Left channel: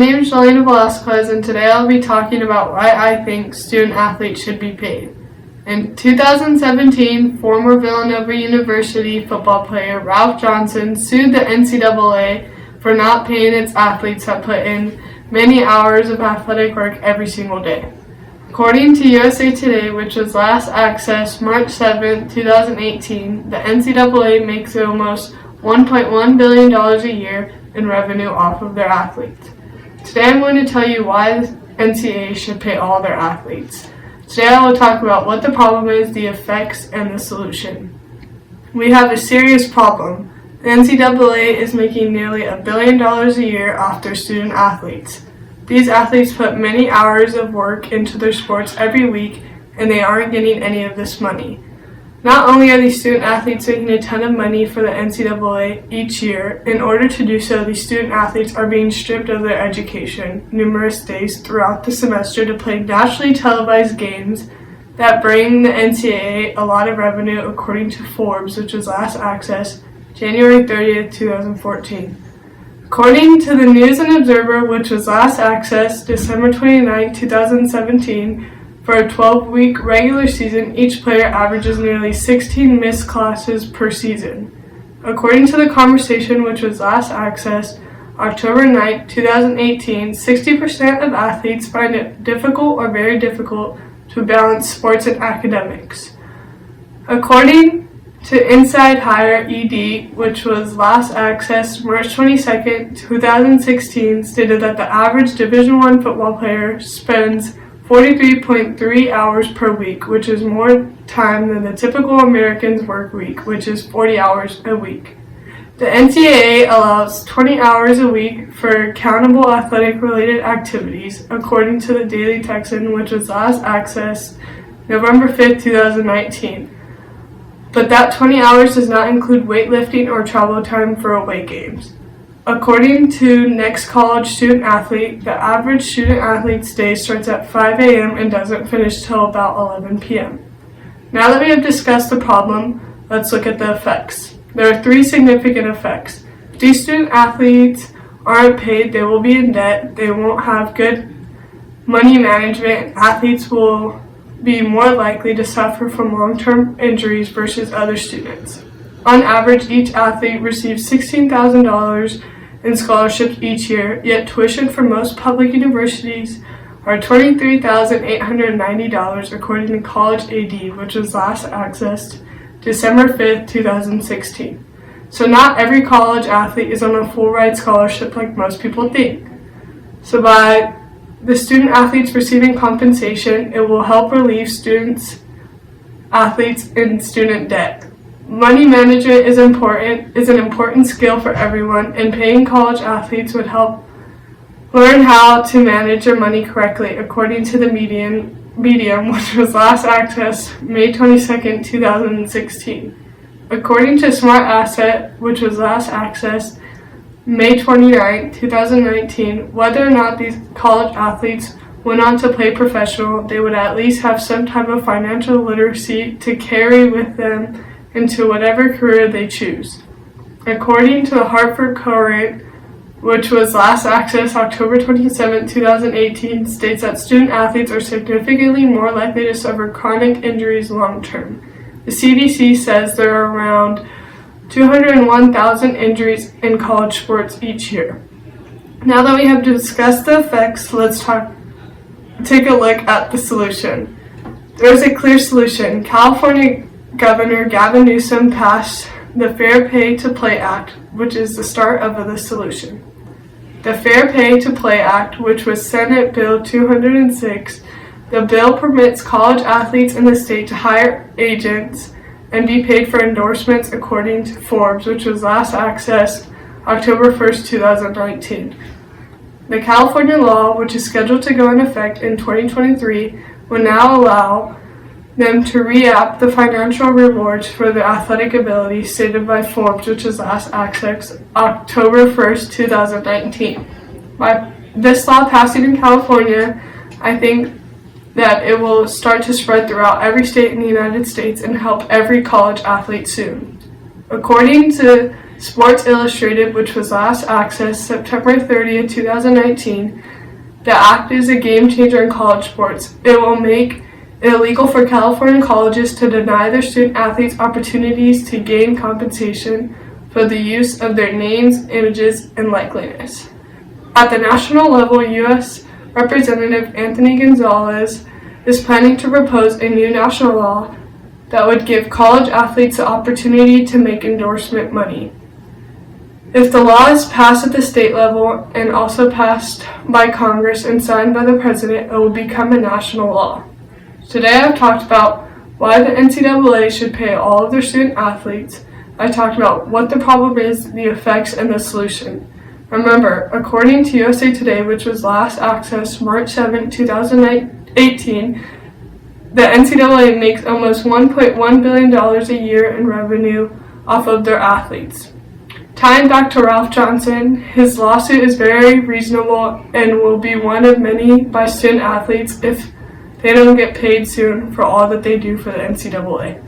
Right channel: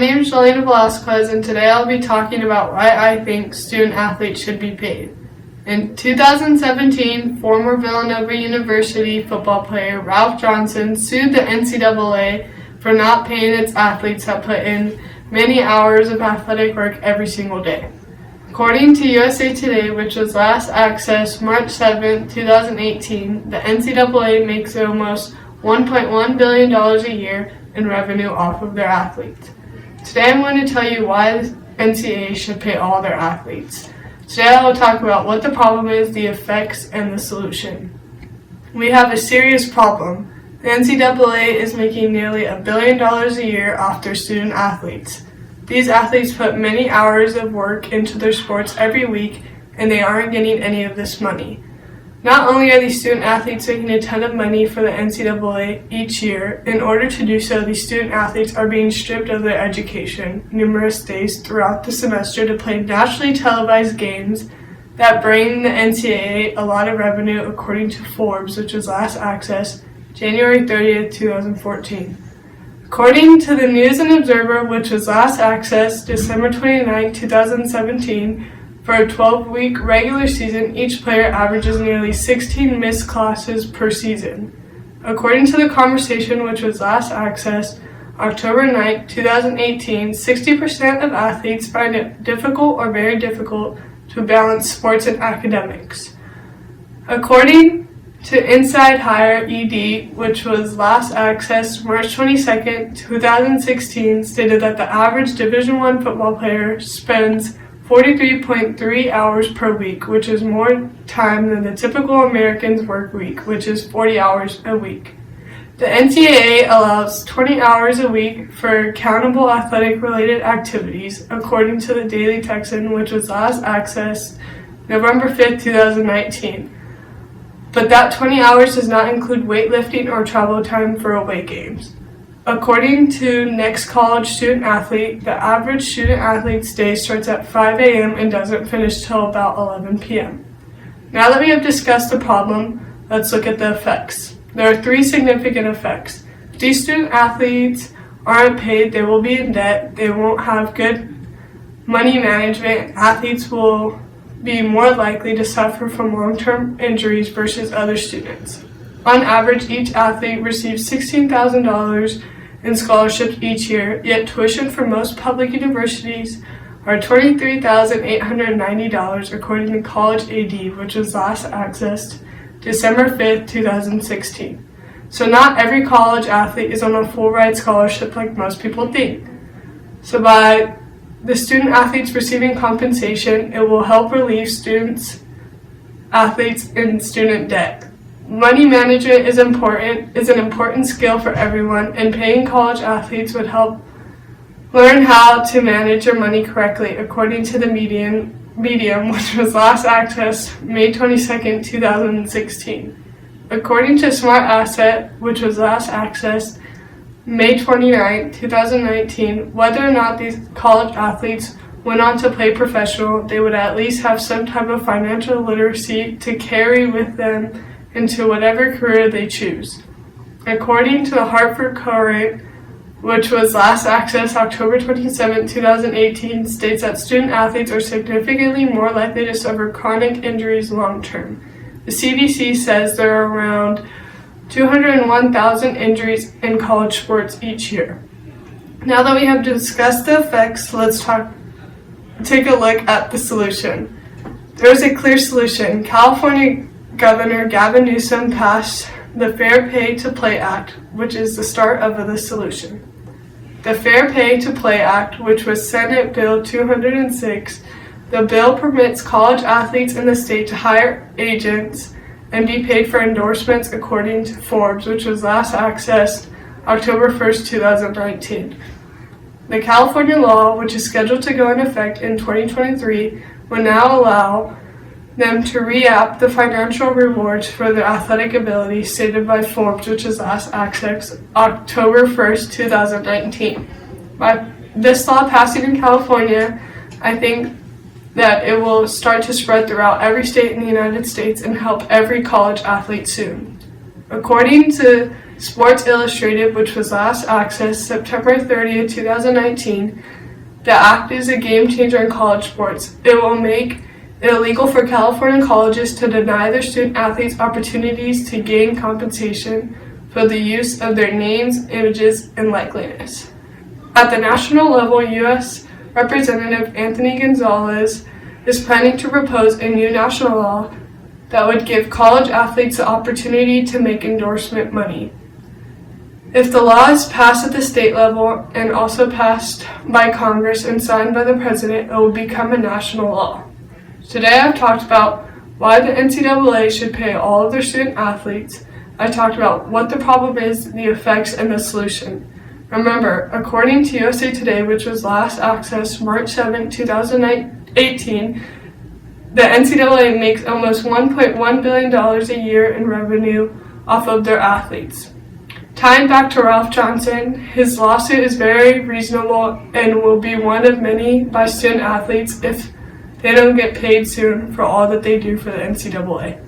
name is Jolena, and today I'll be talking about why I think student athletes should be paid. In 2017, former Villanova University football player Ralph Johnson sued the NCAA for not paying its athletes that put in many hours of athletic work every single day. According to USA Today, which was last accessed March 7, 2018, the NCAA makes almost $1.1 billion a year in revenue off of their athletes. Today I'm going to tell you why the NCAA should pay all their athletes. Today I will talk about what the problem is, the effects, and the solution. We have a serious problem. The NCAA is making nearly $1 billion a year off their student athletes. These athletes put many hours of work into their sports every week, and they aren't getting any of this money. Not only are these student athletes making a ton of money for the NCAA each year, in order to do so, these student athletes are being stripped of their education numerous days throughout the semester to play nationally televised games that bring the NCAA a lot of revenue, according to Forbes, which was last accessed January 30th, 2014. According to the News and Observer, which was last accessed December 29, 2017, for a 12-week regular season, each player averages nearly 16 missed classes per season. According to The Conversation, which was last accessed October 9, 2018, 60% of athletes find it difficult or very difficult to balance sports and academics. According to Inside Higher ED, which was last accessed March 22, 2016, stated that the average Division I football player spends 43.3 hours per week, which is more time than the typical American's work week, which is 40 hours a week. The NCAA allows 20 hours a week for countable athletic-related activities, according to the Daily Texan, which was last accessed November 5, 2019. But that 20 hours does not include weightlifting or travel time for away games. According to Next College Student Athlete, the average student athlete's day starts at 5 a.m. and doesn't finish till about 11 p.m. Now that we have discussed the problem, let's look at the effects. There are 3 significant effects. If these student athletes aren't paid, they will be in debt, they won't have good money management, athletes will be more likely to suffer from long-term injuries versus other students. On average, each athlete receives $16,000 in scholarships each year, yet tuition for most public universities are $23,890, according to College AD, which was last accessed December 5, 2016. So not every college athlete is on a full-ride scholarship like most people think. So by the student athletes receiving compensation, it will help relieve athletes in student debt. Money management is an important skill for everyone, and paying college athletes would help learn how to manage their money correctly, according to the Medium, which was last accessed May 22, 2016. According to Smart Asset, which was last accessed May 29, 2019, whether or not these college athletes went on to play professional, they would at least have some type of financial literacy to carry with them into whatever career they choose. According to the Hartford Courant, which was last accessed October 27, 2018, states that student athletes are significantly more likely to suffer chronic injuries long term. The CDC says there are around 201,000 injuries in college sports each year. Now that we have discussed the effects, let's take a look at the solution. There's a clear solution. California Governor Gavin Newsom passed the Fair Pay to Play Act, which is the start of the solution. The Fair Pay to Play Act, which was Senate Bill 206, the bill permits college athletes in the state to hire agents and be paid for endorsements, according to Forbes, which was last accessed October 1st, 2019. The California law, which is scheduled to go into effect in 2023, will now allow them to re-up the financial rewards for their athletic ability, stated by Forbes, which was last accessed October 1st, 2019. By this law passing in California, I think that it will start to spread throughout every state in the United States and help every college athlete soon. According to Sports Illustrated, which was last accessed September 30th, 2019, the act is a game changer in college sports. It will make it illegal for California colleges to deny their student athletes opportunities to gain compensation for the use of their names, images, and likeliness. At the national level, U.S. Representative Anthony Gonzalez is planning to propose a new national law that would give college athletes the opportunity to make endorsement money. If the law is passed at the state level and also passed by Congress and signed by the president, it will become a national law. Today I've talked about why the NCAA should pay all of their student athletes. I talked about what the problem is, the effects, and the solution. Remember, according to USA Today, which was last accessed March 7, 2018, the NCAA makes almost $1.1 billion a year in revenue off of their athletes. Tying back to Ralph Johnson, his lawsuit is very reasonable and will be one of many by student athletes if they don't get paid soon for all that they do for the NCAA.